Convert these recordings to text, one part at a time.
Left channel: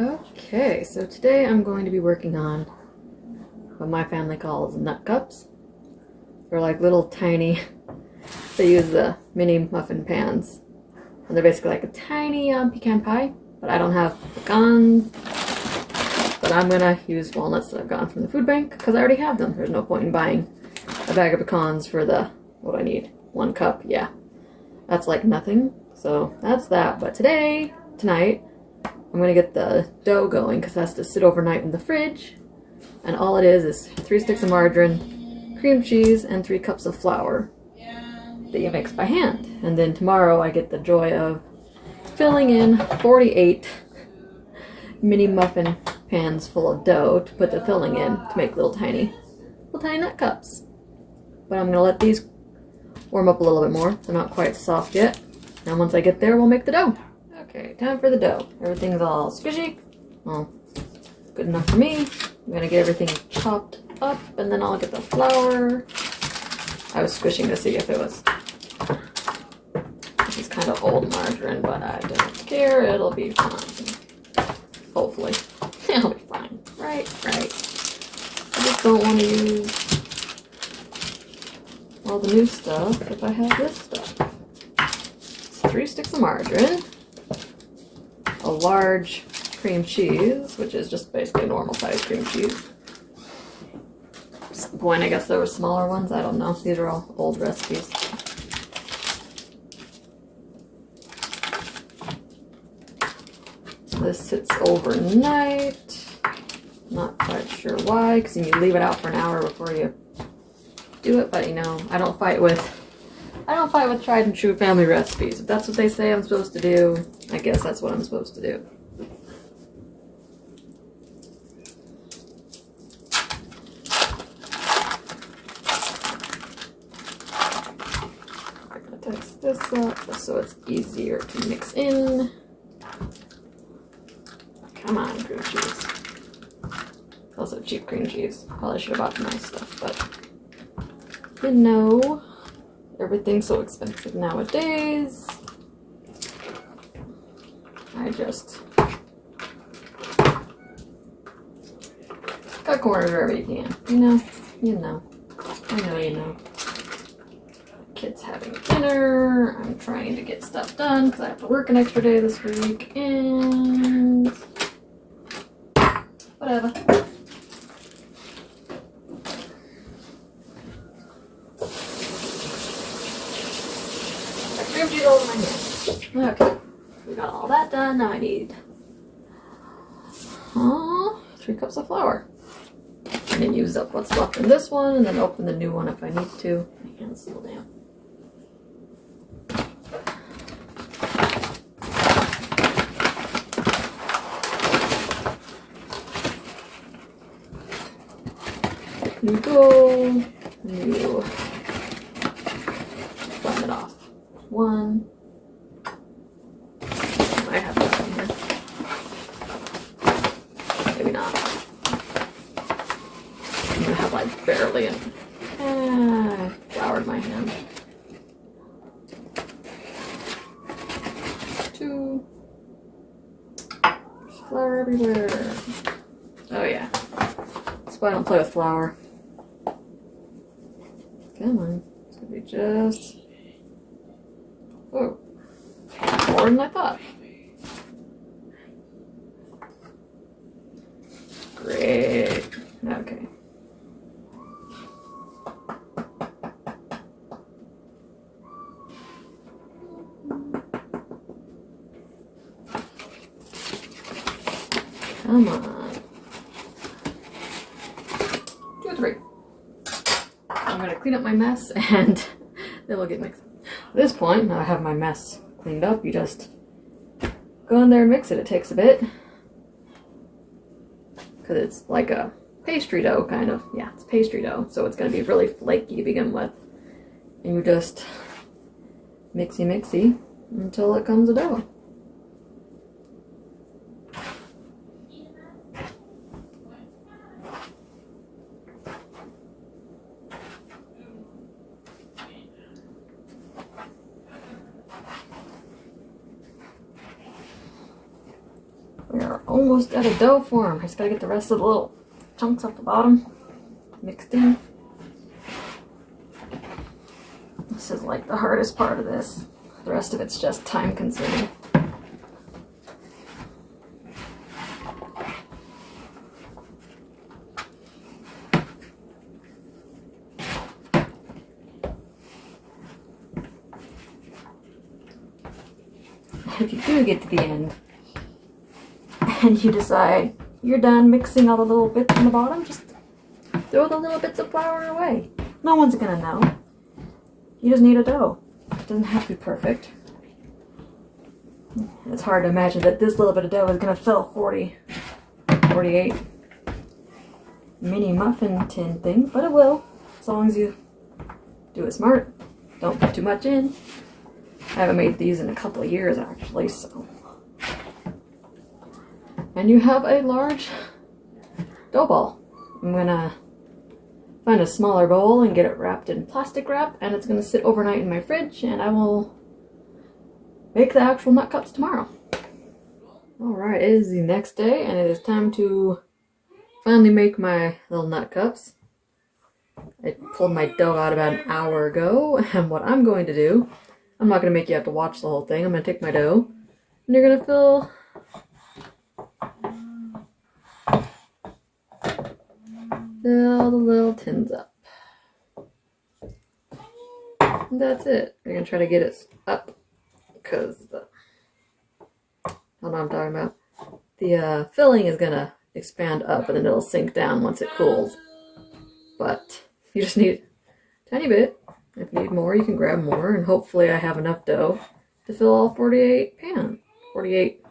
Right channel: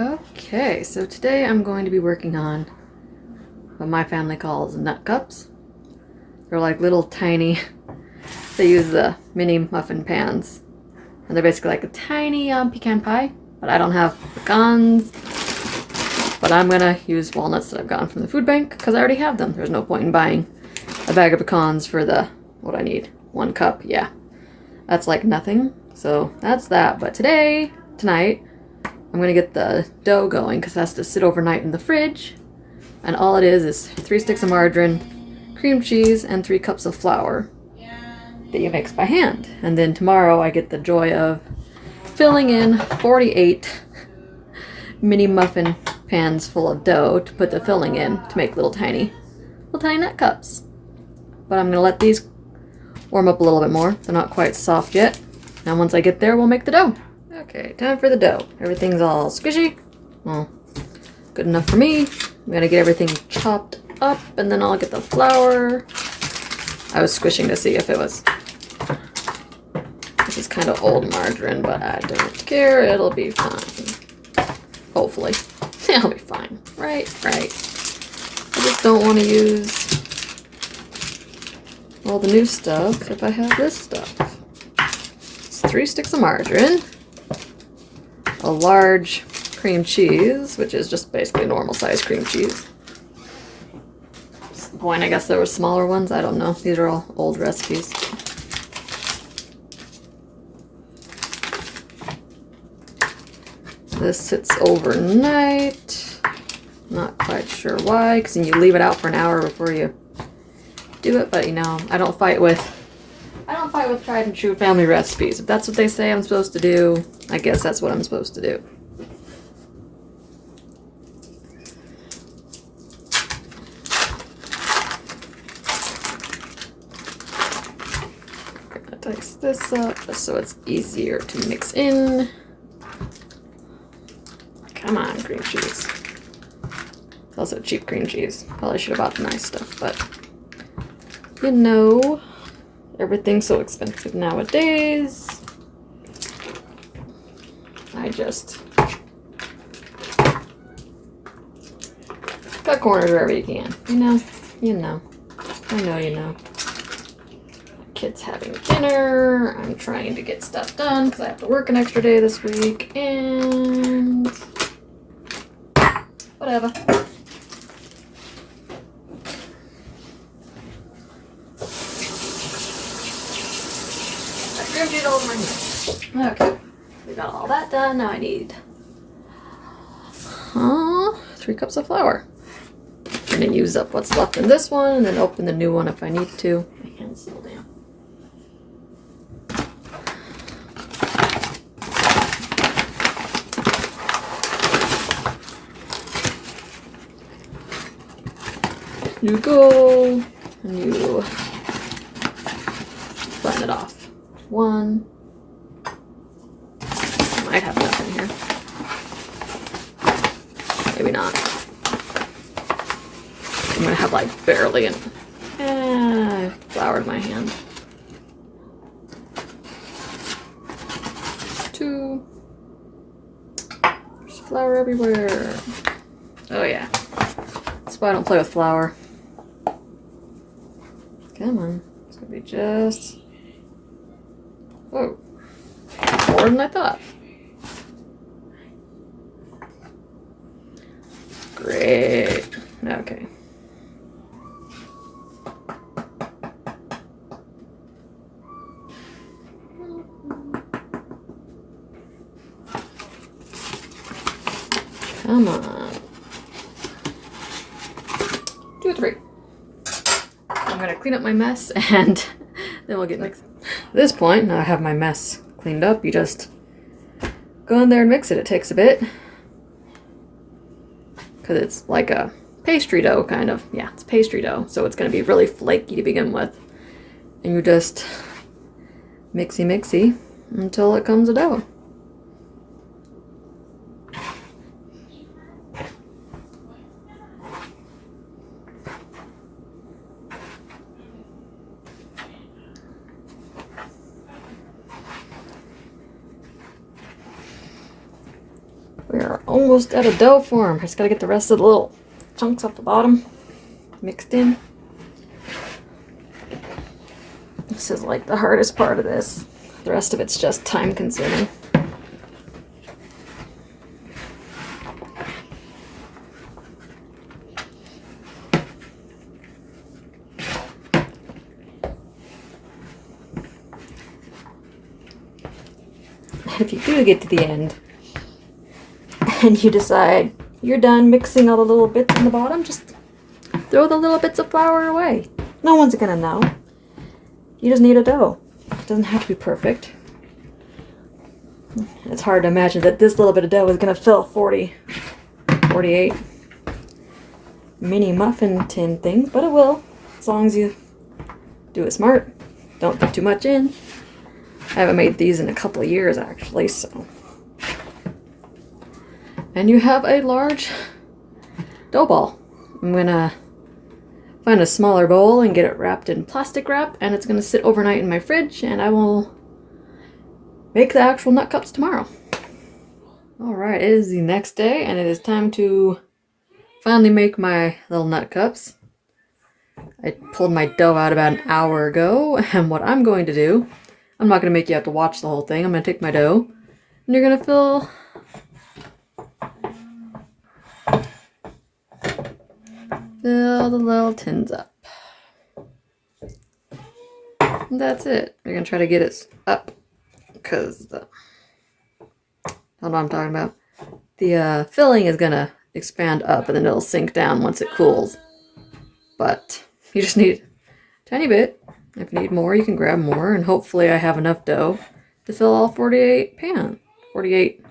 Okay, so today I'm going to be working on what my family calls nut cups. They're like little tiny, they use the mini muffin pans. And they're basically like a tiny pecan pie, but I don't have pecans. But I'm gonna use walnuts that I've gotten from the food bank because I already have them. There's no point in buying a bag of pecans for what I need. 1 cup, yeah. That's like nothing. So that's that. But tonight, I'm gonna get the dough going because it has to sit overnight in the fridge. And all it is 3 sticks of margarine, cream cheese, and 3 cups of flour that you mix by hand. And then tomorrow I get the joy of filling in 48 mini muffin pans full of dough to put the filling in to make little tiny nut cups. But I'm gonna let these warm up a little bit more. They're not quite soft yet. And once I get there, we'll make the dough. Okay, time for the dough. Everything's all squishy. Well, good enough for me. I'm gonna get everything chopped up and then I'll get the flour. I was squishing to see if it was... This is kind of old margarine, but I don't care. It'll be fine. Hopefully. It'll be fine. Right. I just don't want to use all the new stuff if I have this stuff. It's 3 sticks of margarine, a large cream cheese, which is just basically normal size cream cheese. At some point, I guess there were smaller ones. I don't know. These are all old recipes. This sits overnight. Not quite sure why, because you leave it out for an hour before you do it. But you know, I don't fight with tried and true family recipes. If that's what they say I'm supposed to do, I guess that's what I'm supposed to do. I'm gonna dice this up so it's easier to mix in. Come on, cream cheese. It's also cheap cream cheese. Probably should have bought the nice stuff, but you know, everything's so expensive nowadays. I just cut corners wherever you can. You know. Kids having dinner. I'm trying to get stuff done because I have to work an extra day this week, and whatever. Okay, we got all that done. Now I need 3 cups of flour. I'm gonna use up what's left in this one and then open the new one if I need to. My hand's still damp. You go, and you blend it off. 1. I might have enough in here. Maybe not. I'm gonna have like barely enough. Floured my hand. 2. There's flour everywhere. Oh yeah. That's why I don't play with flour. Come on. It's gonna be just... Oh. More than I thought. Great. Okay. Come on. 2 or 3. I'm gonna clean up my mess and then we'll get mixed. At this point, now I have my mess cleaned up, you just go in there and mix it. It takes a bit. Because it's like a pastry dough, kind of. Yeah, it's pastry dough, so it's going to be really flaky to begin with. And you just mixy until it comes a dough. We are almost out of dough form. Just gotta get the rest of the little chunks off the bottom mixed in. This is like the hardest part of this. The rest of it's just time consuming. If you do get to the end and you decide you're done mixing all the little bits in the bottom, just throw the little bits of flour away. No one's gonna know. You just need a dough. It doesn't have to be perfect. It's hard to imagine that this little bit of dough is gonna fill 48 mini muffin tin things, but it will, as long as you do it smart. Don't put too much in. I haven't made these in a couple of years actually, so. And you have a large dough ball. I'm gonna find a smaller bowl and get it wrapped in plastic wrap, and it's gonna sit overnight in my fridge, and I will make the actual nut cups tomorrow. All right, it is the next day, and it is time to finally make my little nut cups. I pulled my dough out about an hour ago, and what I'm going to do, I'm not going to make you have to watch the whole thing. I'm going to take my dough, and you're going to fill the little tins up. And that's it. You're going to try to get it up, because I don't know what I'm talking about. The filling is going to expand up, and then it'll sink down once it cools. But you just need a tiny bit. If you need more, you can grab more, and hopefully I have enough dough to fill all 48 pans. 48.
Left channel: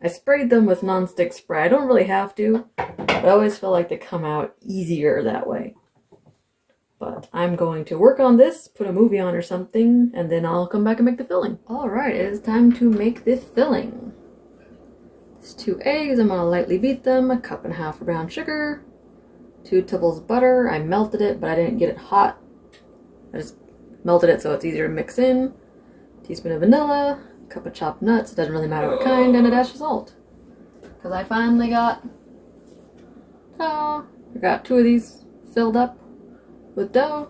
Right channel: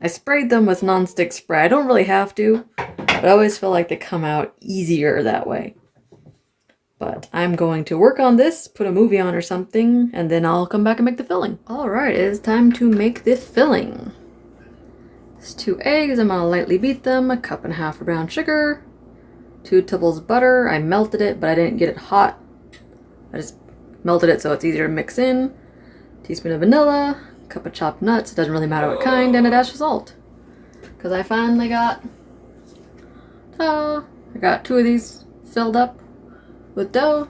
I sprayed them with nonstick spray. I don't really have to, but I always feel like they come out easier that way. But I'm going to work on this, put a movie on or something, and then I'll come back and make the filling. All right, it is time to make the filling. There's 2 eggs. I'm gonna lightly beat them. 1.5 cups of brown sugar. 2 tablespoons butter. I melted it, but I didn't get it hot. I just melted it so it's easier to mix in. Teaspoon of vanilla. 1 cup of chopped nuts. It doesn't really matter what kind. And a dash of salt. Because I finally got... I got 2 of these filled up with dough.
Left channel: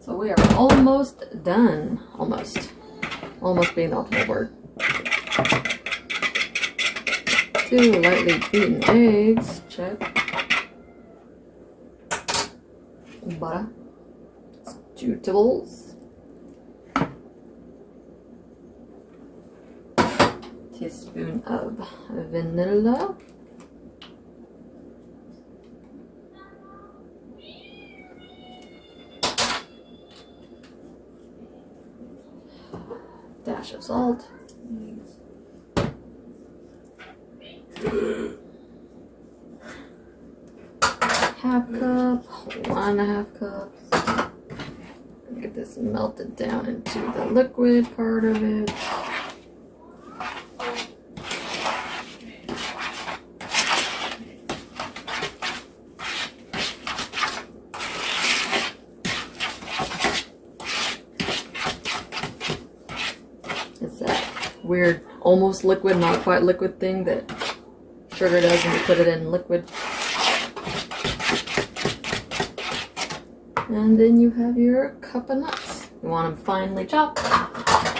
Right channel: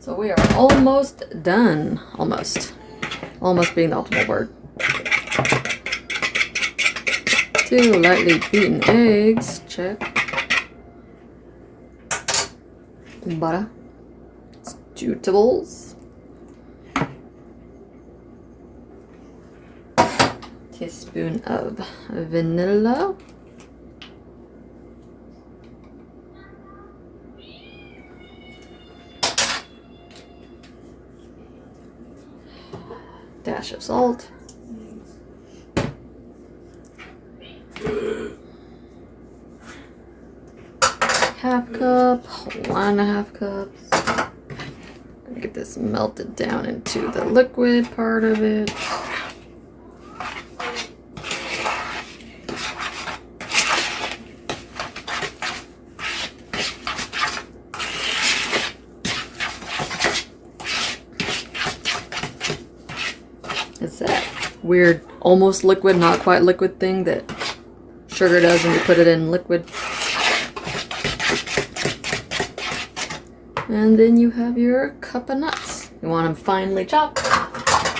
So we are almost done. Almost. Almost being the ultimate word. 2 lightly beaten eggs. Check. Butter. 2 tablespoons. Teaspoon of vanilla. Dash of salt. Half cup, 1.5 cups. Get this melted down into the liquid part of it. It's that weird, almost liquid, not quite liquid thing that sugar does when you put it in liquid. And then you have your cup of nuts. You want them finely chopped.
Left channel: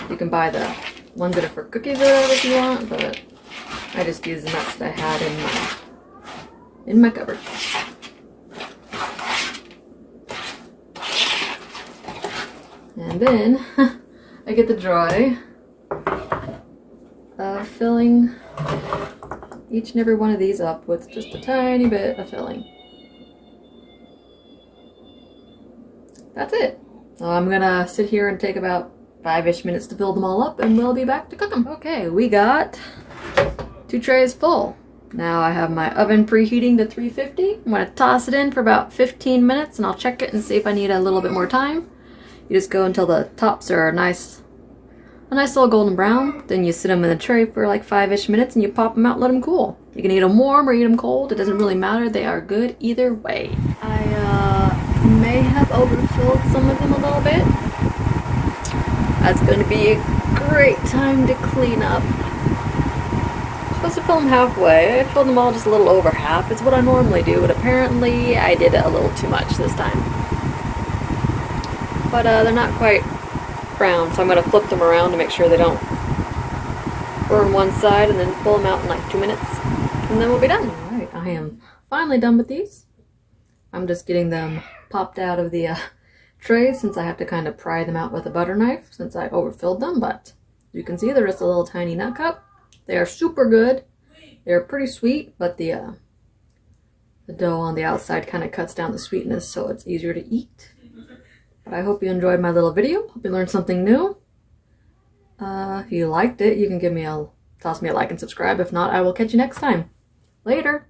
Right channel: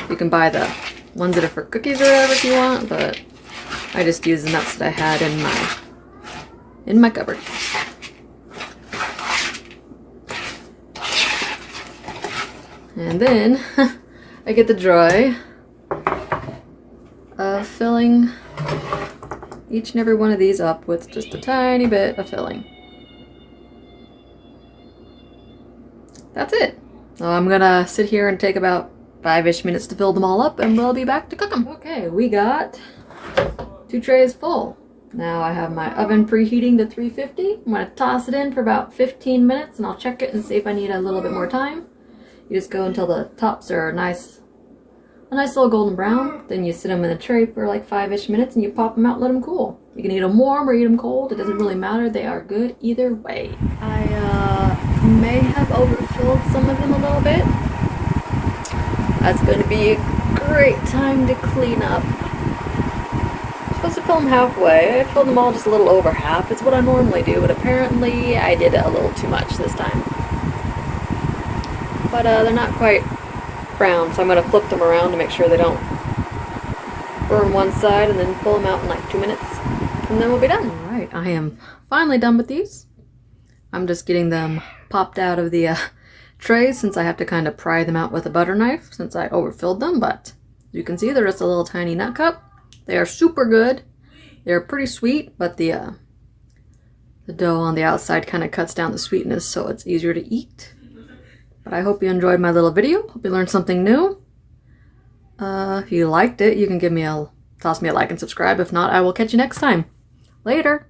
You can buy the ones that are for cookies or whatever if you want, but I just use the nuts that I had in my cupboard. And then I get the joy of filling each and every one of these up with just a tiny bit of filling. That's it. So I'm gonna sit here and take about 5-ish minutes to fill them all up, and we'll be back to cook them. Okay, we got 2 trays full. Now I have my oven preheating to 350. I'm gonna toss it in for about 15 minutes, and I'll check it and see if I need a little bit more time. You just go until the tops are a nice little golden brown. Then you sit them in the tray for like 5-ish minutes, and you pop them out and let them cool. You can eat them warm or eat them cold. It doesn't really matter. They are good either way. I may have overfilled some of them a little bit. That's going to be great time to clean up. Supposed to fill them halfway. I filled them all just a little over half. It's what I normally do, but apparently I did it a little too much this time. But they're not quite brown, so I'm going to flip them around to make sure they don't burn one side, and then pull them out in like 2 minutes, and then we'll be done. Alright, I am finally done with these. I'm just getting them popped out of the trays since I have to kind of pry them out with a butter knife since I overfilled them, but you can see they're just a little tiny nut cup. They are super good. They're pretty sweet, but the dough on the outside kind of cuts down the sweetness, so it's easier to eat. But I hope you enjoyed my little video. Hope you learned something new. If you liked it, you can toss me a like and subscribe. If not, I will catch you next time. Later.